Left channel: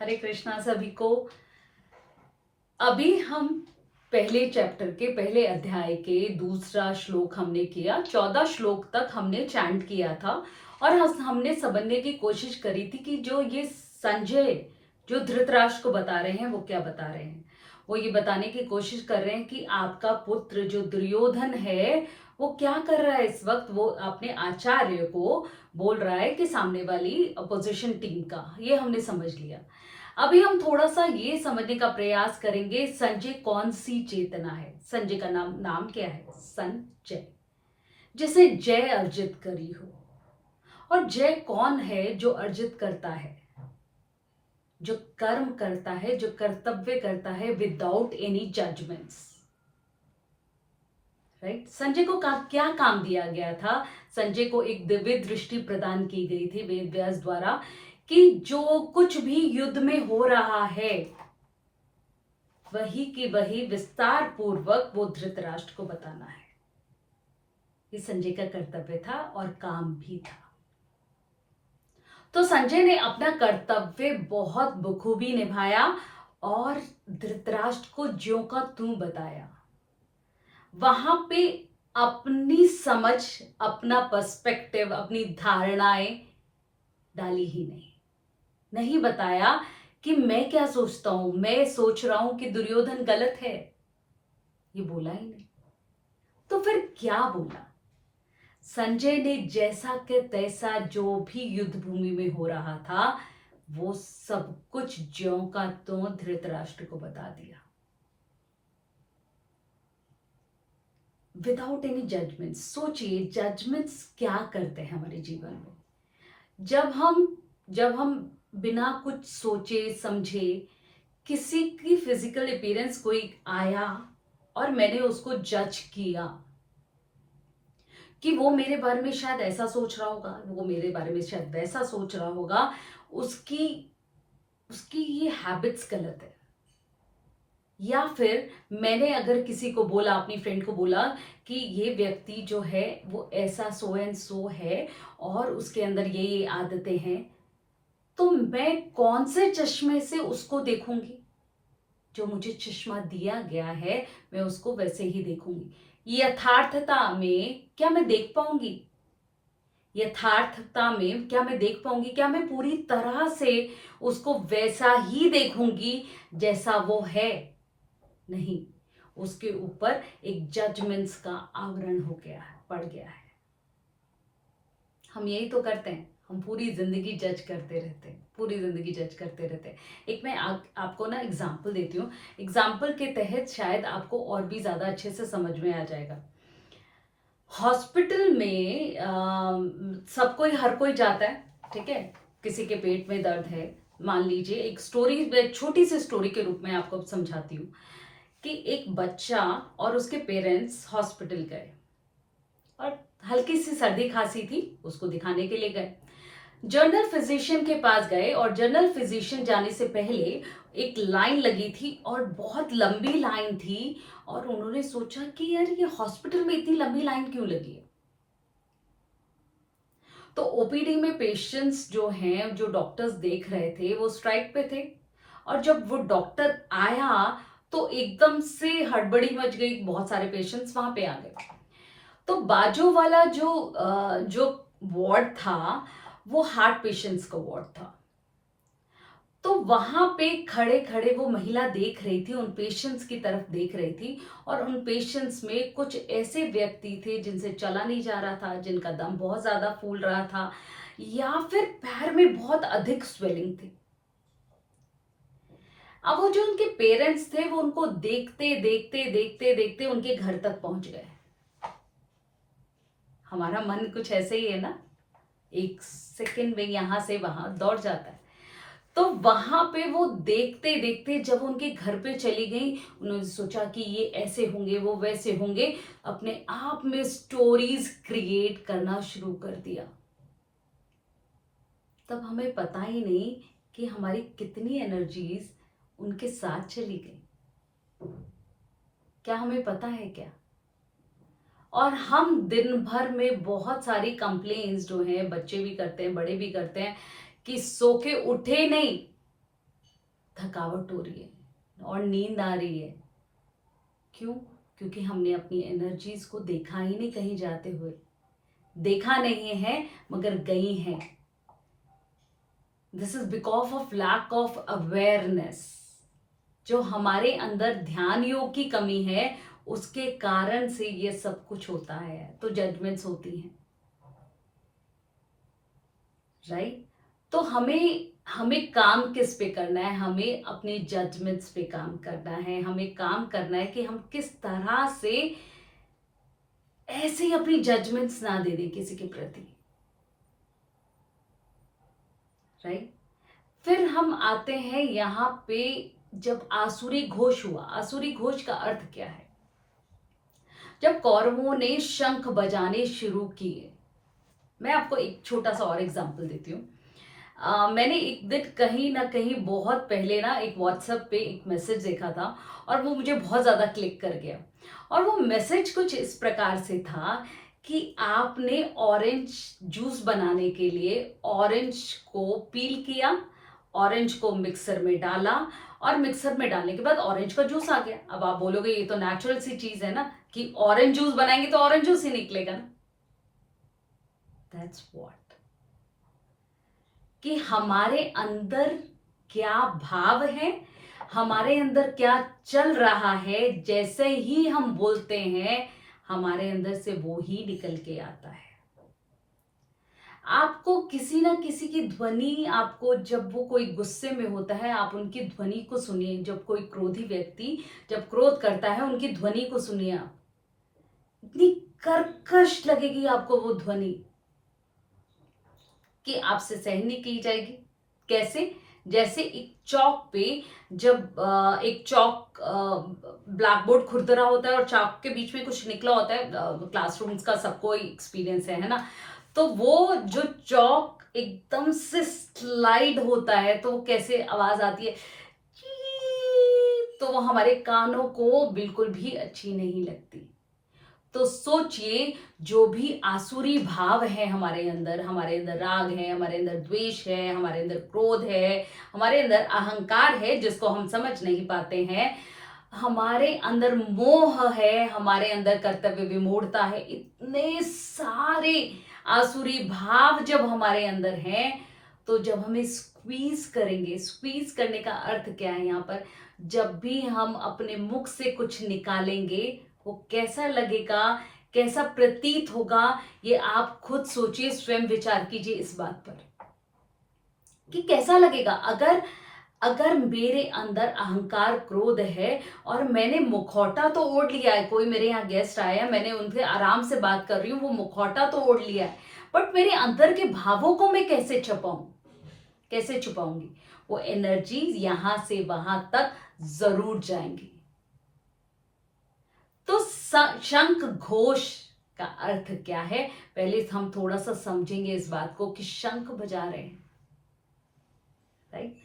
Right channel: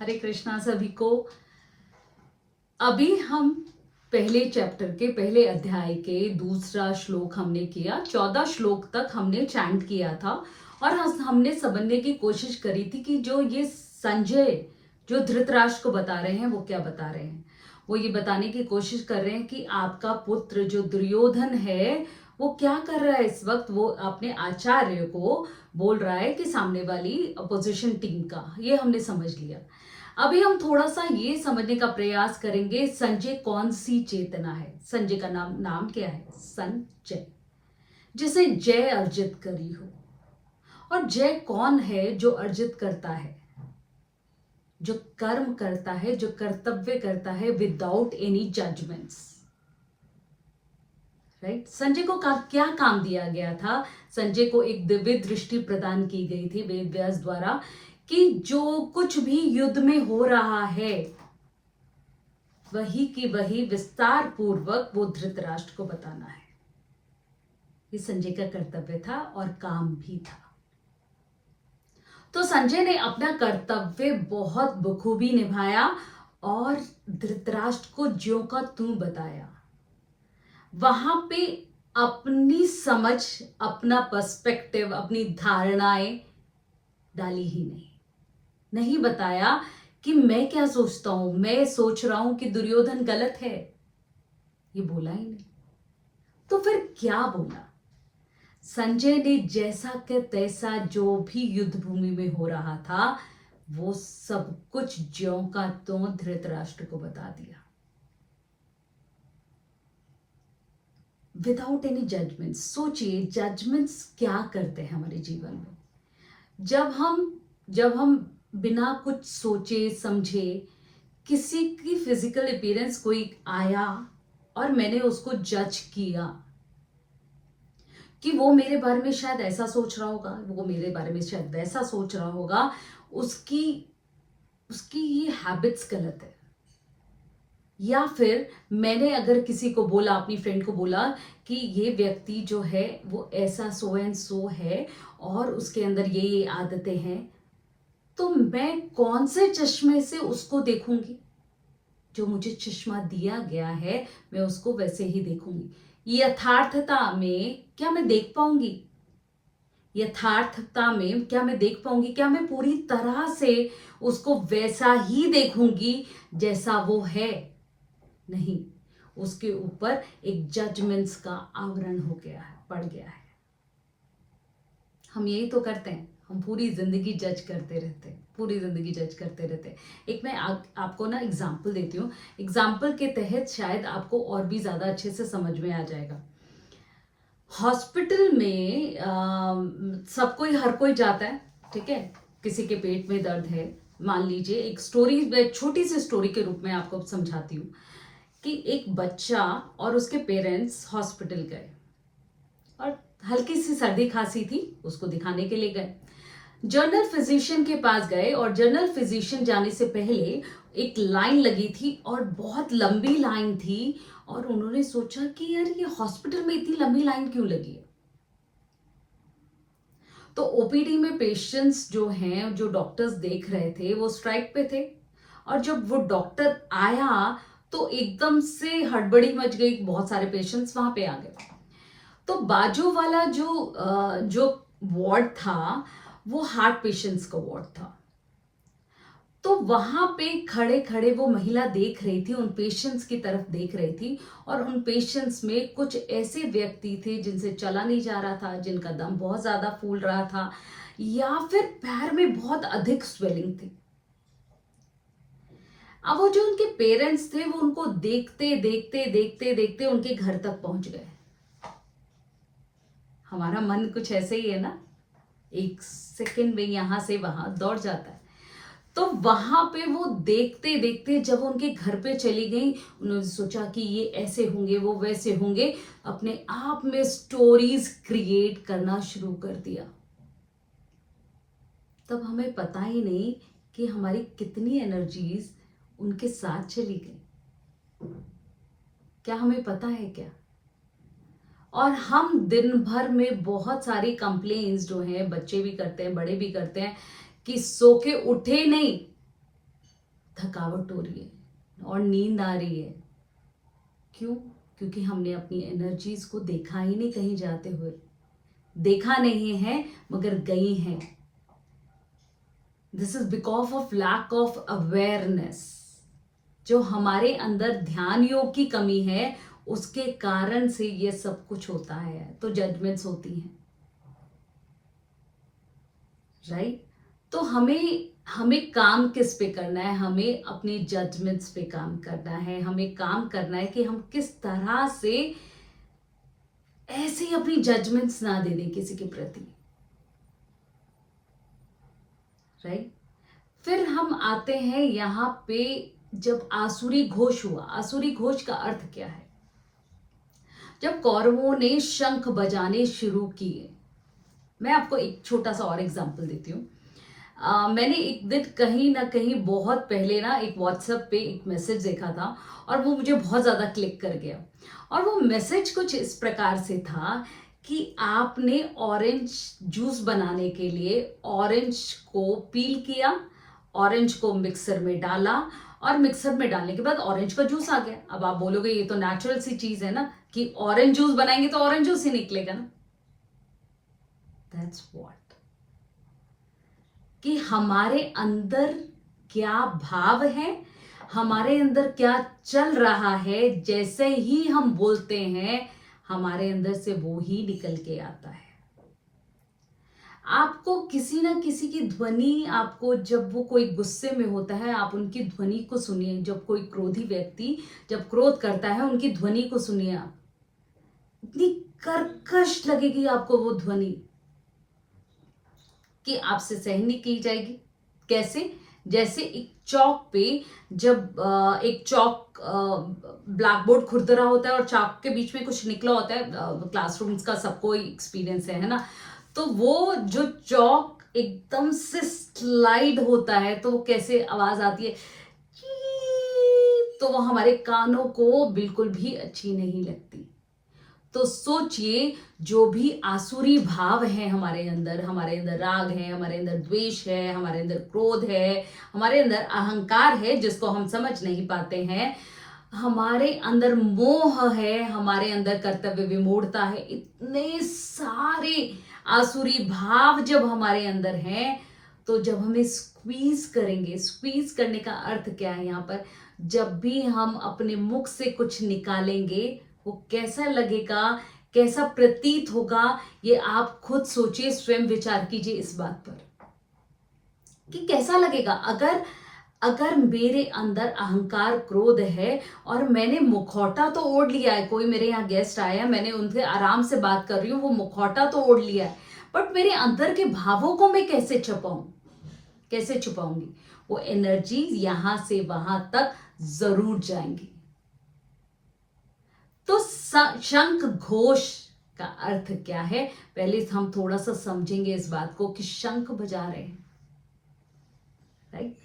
हरे कृष्णा सभी को। अभी हम पहले चैप्टर के पहले अध्याय के दूसरा श्लोक हमने किया। 14 श्लोक तक हमने चैंट किया था और हमने समझने की कोशिश करी थी कि जो ये संजय जो धृतराष्ट्र को बता रहे हैं वो क्या बता रहे हैं। वो ये बताने की कोशिश कर रहे हैं कि आपका पुत्र जो दुर्योधन है वो क्या कर रहा है इस वक्त। वो अपने आचार्य को बोल रहा है कि सामने वाली अपोजिशन टीम का, ये हमने समझ लिया। अभी हम थोड़ा सा ये समझने का प्रयास करेंगे संजय कौन सी चेतना है। संजय का नाम नाम क्या है? संजय, जिसे जय अर्जित करी हो। और जय कौन है? जो अर्जित करता है, जो कर्म करता है, जो कर्तव्य करता है without any judgements. Right. Sanjay को क्या काम दिया गया था? संजय को एक दिव्य दृष्टि प्रदान की गई थी वेद व्यास द्वारा कि जो कुछ भी युद्ध में हो रहा है वही की वही विस्तार पूर्वक वो धृतराष्ट्र को बताना है। ये संजय का कर्तव्य था और काम भी था। तो संजय ने अपना कर्तव्य बहुत बखूबी निभाया और धृतराष्ट्र को ज्यों का त्यों बताया। वहां पे अपनी समझ, अपना पर्सपेक्टिव, अपनी धारणाएं डाली ही नहीं बताया कि मैं क्या सोचता हूं, मैं सोच रहा हूं कि दुर्योधन गलत है, ये बोला ही नहीं। तो फिर क्या बोला? संजय ने जैसा के तैसा जो भी युद्ध भूमि में हो रहा था वो सब कुछ ज्यों का त्यों धृतराष्ट्र को बता दिया, विदाउट एनी जजमेंट्स। सोचिए जजमेंट्स क्या करते हैं हमारे जीवन में। जब हम बिना कुछ सोचे समझे किसी की फिजिकल अपीयरेंस कोई आया और मैंने उसको जज किया कि वो मेरे बारे में शायद ऐसा सोच रहा होगा, वो मेरे बारे में शायद वैसा सोच रहा होगा, उसकी उसकी ये हैबिट्स गलत है। या फिर मैंने अगर किसी को बोला, अपनी फ्रेंड को बोला कि ये व्यक्ति जो है वो ऐसा सो एंड सो है और उसके अंदर ये आदतें हैं, तो मैं कौन से चश्मे से उसको देखूंगी? जो मुझे चश्मा दिया गया है मैं उसको वैसे ही देखूंगी। यथार्थता में क्या मैं देख पाऊंगी? यथार्थता में क्या मैं देख पाऊंगी? क्या मैं पूरी तरह से उसको वैसा ही देखूंगी जैसा वो है? नहीं, उसके ऊपर एक जजमेंट्स का आवरण हो गया है, पड़ गया है। हम यही तो करते हैं, हम पूरी जिंदगी जज करते रहते हैं, पूरी जिंदगी जज करते रहते हैं। एक मैं आपको ना एग्जाम्पल देती हूँ। एग्जाम्पल के तहत शायद आपको और भी ज्यादा अच्छे से समझ में आ जाएगा। हॉस्पिटल में सब कोई, हर कोई जाता है, ठीक है। किसी के पेट में दर्द है, मान लीजिए, एक स्टोरी, छोटी सी स्टोरी के रूप में आपको समझाती हूँ कि एक बच्चा और उसके पेरेंट्स हॉस्पिटल गए और हल्की सी सर्दी खांसी थी, उसको दिखाने के लिए गए। जनरल फिजिशियन के पास गए और जनरल फिजिशियन जाने से पहले एक लाइन लगी थी और बहुत लंबी लाइन थी और उन्होंने सोचा कि यार ये हॉस्पिटल में इतनी लंबी लाइन क्यों लगी है। तो ओपीडी में पेशेंट्स जो हैं, जो डॉक्टर्स देख रहे थे, वो स्ट्राइक पे थे और जब वो डॉक्टर आया तो एकदम से हड़बड़ी मच गई, बहुत सारे पेशेंट्स वहां पे आ गए। तो बाजू वाला जो वार्ड था वो हार्ट पेशेंट्स का वार्ड था। तो वहां पे खड़े खड़े वो महिला देख रही थी, उन पेशेंट्स की तरफ देख रही थी और उन पेशेंट्स में कुछ ऐसे व्यक्ति थे जिनसे चला नहीं जा रहा था, जिनका दम बहुत ज्यादा फूल रहा था या फिर पैर में बहुत अधिक स्वेलिंग थी। अब वो जो उनके पेरेंट्स थे वो उनको देखते देखते देखते देखते उनके घर तक पहुंच गए। हमारा मन कुछ ऐसे ही है ना, एक सेकंड में यहां से वहां दौड़ जाता है। तो वहां पे वो देखते देखते जब उनके घर पे चली गई, उन्होंने सोचा कि ये ऐसे होंगे, वो वैसे होंगे, अपने आप में स्टोरीज क्रिएट करना शुरू कर दिया। तब हमें पता ही नहीं कि हमारी कितनी एनर्जीज उनके साथ चली गई। क्या हमें पता है क्या? और हम दिन भर में बहुत सारी कंप्लेन्स जो हैं, बच्चे भी करते हैं, बड़े भी करते हैं, कि सो के उठे नहीं, थकावट हो रही है और नींद आ रही है। क्यों? क्योंकि हमने अपनी एनर्जीज को देखा ही नहीं कहीं जाते हुए। देखा नहीं है मगर गई हैं। This is because of lack of awareness. जो हमारे अंदर ध्यान योग की कमी है उसके कारण से ये सब कुछ होता है, तो जजमेंट्स होती हैं, राइट? तो हमें हमें काम किस पे करना है? हमें अपने जजमेंट्स पे काम करना है। हमें काम करना है कि हम किस तरह से ऐसे ही अपनी जजमेंट्स ना दे दें किसी के प्रति, राइट? फिर हम आते हैं यहाँ पे, जब आसुरी घोष हुआ। आसुरी घोष का अर्थ क्या है? जब कौरवों ने शंख बजाने शुरू किए। मैं आपको एक छोटा सा और एग्जांपल देती हूँ। मैंने एक दिन कहीं ना कहीं बहुत पहले ना एक व्हाट्सएप पे एक मैसेज देखा था और वो मुझे बहुत ज़्यादा क्लिक कर गया। और वो मैसेज कुछ इस प्रकार से था कि आपने ऑरेंज जूस बनाने के लिए ऑरेंज को पील किया, ऑरेंज को मिक्सर में डाला और मिक्सर में डालने के बाद ऑरेंज का जूस आ गया। अब आप बोलोगे ये तो नेचुरल सी चीज है ना कि ऑरेंज जूस बनाएंगे तो ऑरेंज जूस ही निकलेगा ना। दैट्स व्हाट, कि हमारे अंदर क्या भाव है, हमारे अंदर क्या चल रहा है, जैसे ही हम बोलते हैं हमारे अंदर से वो ही निकल के आता है। आपको किसी ना किसी की ध्वनि, आपको जब वो कोई गुस्से में होता है आप उनकी ध्वनि को सुनिए। जब कोई क्रोधी व्यक्ति जब क्रोध करता है उनकी ध्वनि को सुनिए आप। इतनी कर्कश लगेगी आपको वो ध्वनि कि आपसे सहन नहीं की जाएगी। कैसे? जैसे एक चौक पे जब एक चौक ब्लैक बोर्ड खुरदरा होता है और चौक के बीच में कुछ निकला होता है, क्लासरूम्स का सबको एक्सपीरियंस है ना? तो वो जो चौक एकदम से स्लाइड होता है तो वो कैसे आवाज आती है, तो वो हमारे कानों को बिल्कुल भी अच्छी नहीं लगती। तो सोचिए, जो भी आसुरी भाव है हमारे अंदर राग है, हमारे अंदर द्वेष है, हमारे अंदर क्रोध है, हमारे अंदर अहंकार है जिसको हम समझ नहीं पाते हैं, हमारे अंदर मोह है, हमारे अंदर कर्तव्य विमूढ़ता है, इतने सारे आसुरी भाव जब हमारे अंदर हैं, तो जब हमें स्क्वीज करेंगे, स्क्वीज करने का अर्थ क्या है यहाँ पर? जब भी हम अपने मुख से कुछ निकालेंगे वो कैसा लगेगा, कैसा प्रतीत होगा, ये आप खुद सोचिए, स्वयं विचार कीजिए इस बात पर कि कैसा लगेगा। अगर अगर मेरे अंदर अहंकार क्रोध है और मैंने मुखौटा तो ओढ़ लिया है, कोई मेरे यहाँ गेस्ट आया है, मैंने उनसे आराम से बात कर रही हूँ, वो मुखौटा तो ओढ़ लिया है, बट मेरे अंदर के भावों को मैं कैसे छुपाऊं, कैसे छुपाऊंगी? वो एनर्जी यहां से वहां तक जरूर जाएंगी। तो शंख घोष का अर्थ क्या है? पहले हम थोड़ा सा समझेंगे इस बात को कि शंख बजा रहे हैं, राइट?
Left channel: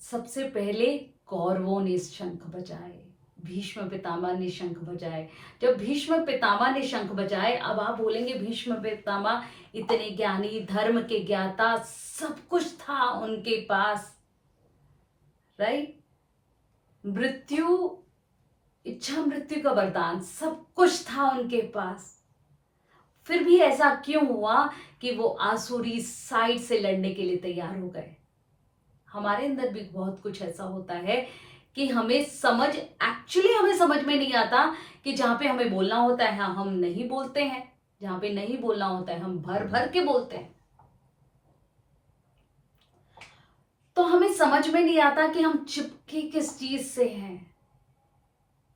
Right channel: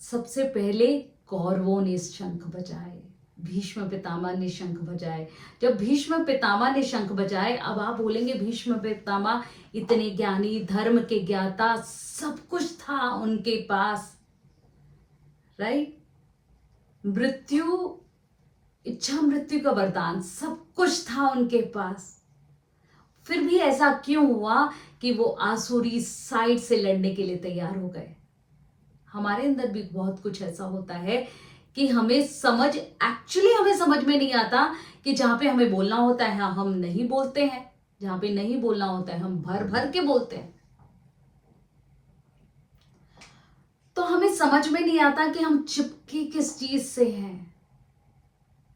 सबसे पहले कौरवों ने शंख बजाए, भीष्म पितामह ने शंख बजाए। जब भीष्म पितामह ने शंख बजाए, अब आप बोलेंगे भीष्म पितामह इतने ज्ञानी, धर्म के ज्ञाता, सब कुछ था उनके पास, राइट? मृत्यु, इच्छा मृत्यु का वरदान, सब कुछ था उनके पास। फिर भी ऐसा क्यों हुआ कि वो आसुरी साइड से लड़ने के लिए तैयार हो गए? हमारे अंदर भी बहुत कुछ ऐसा होता है कि हमें समझ में नहीं आता कि जहां पे हमें बोलना होता है हम नहीं बोलते हैं, जहां पे नहीं बोलना होता है हम भर भर के बोलते हैं। तो हमें समझ में नहीं आता कि हम चिपके किस चीज से हैं।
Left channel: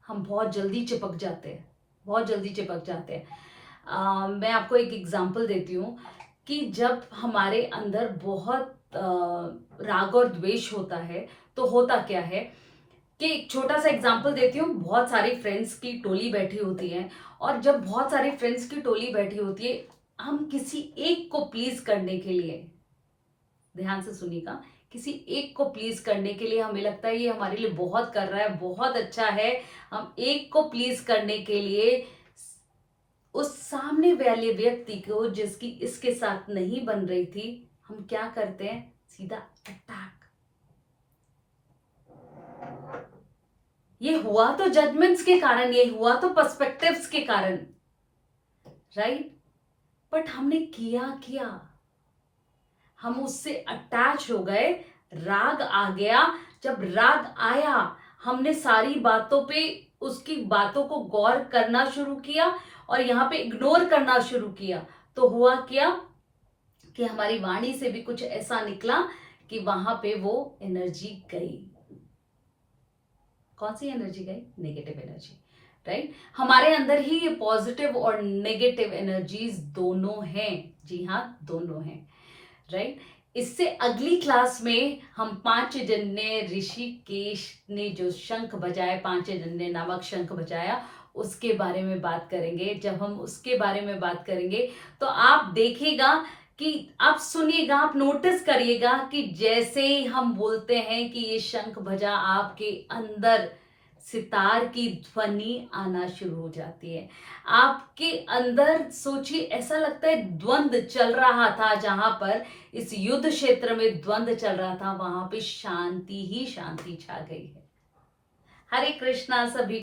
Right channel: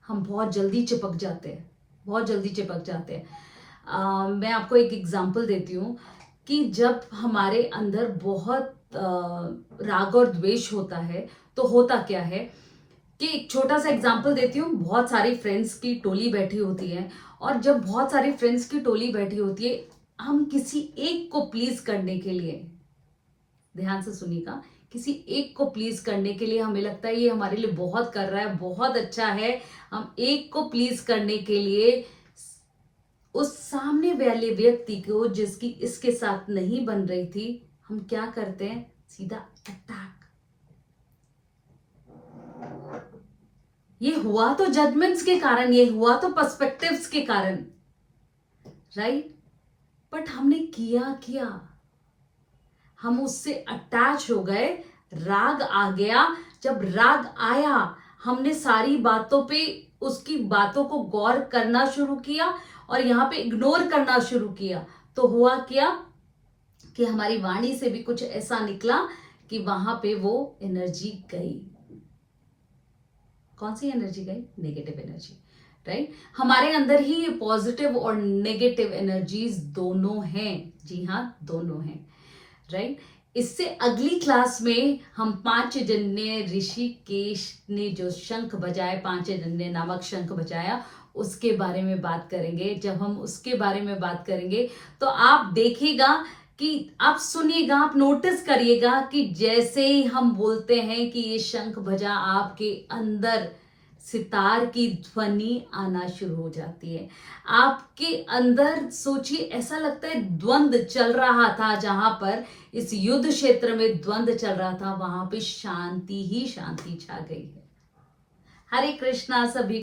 हम बहुत जल्दी चिपक जाते हैं, बहुत जल्दी चिपक जाते हैं। मैं आपको एक एग्जांपल देती हूँ कि जब हमारे अंदर बहुत राग और द्वेष होता है तो होता क्या है कि एक छोटा सा एग्जांपल देती हूँ। बहुत सारी फ्रेंड्स की टोली बैठी होती है और जब बहुत सारी फ्रेंड्स की टोली बैठी होती है, हम किसी एक को प्लीज करने के लिए, ध्यान से सुनिएगा, किसी एक को प्लीज करने के लिए हमें लगता है ये हमारे लिए बहुत कर रहा है, बहुत अच्छा है, हम एक को प्लीज करने के लिए उस सामने वाले व्यक्ति को जिसकी इसके साथ नहीं बन रही थी, हम क्या करते हैं? सीधा अटैक। ये हुआ तो जजमेंट्स के कारण, ये हुआ तो पर्सपेक्टिव्स के कारण, राइट? बट हमने किया, हम उससे अटैच हो गए, राग आ गया। जब राग आया, हमने सारी बातों पे, उसकी बातों को गौर करना शुरू किया और यहाँ पे इग्नोर करना शुरू किया। तो हुआ क्या कि हमारी वाणी से भी कुछ ऐसा निकला कि वहां पे वो एनर्जी गई। कौन सी एनर्जी गई? Negative energy, right? हमारे अंदर ही ये पॉजिटिव और नेगेटिव एनर्जीज दोनों हैं। जी हाँ, दोनों हैं, राइट? इससे अगली क्लास में हम पांचजन्य ऋषिकेश ने जो शंख बजाया, पांचजन्य नामक शंख बजाया, उसके बारे में बात करेंगे। जब हम उसके बारे में बात करेंगे तो आप देखिएगा कि आप सुनिएगा, आप नोटिस करिएगा कि जैसे ही हम बोलते हैं कि ये शंख बजा, आपके अंदर सितार की ध्वनि आना शुरू हो जाती है। आपके अंदर सोचिए, ऐसा लगता है द्वंद्व चल रहा था, जहां पर इस युद्ध क्षेत्र में द्वंद्व चल रहा था, वहां पे शांति ही शांति छा गई है। हरे कृष्णा सभी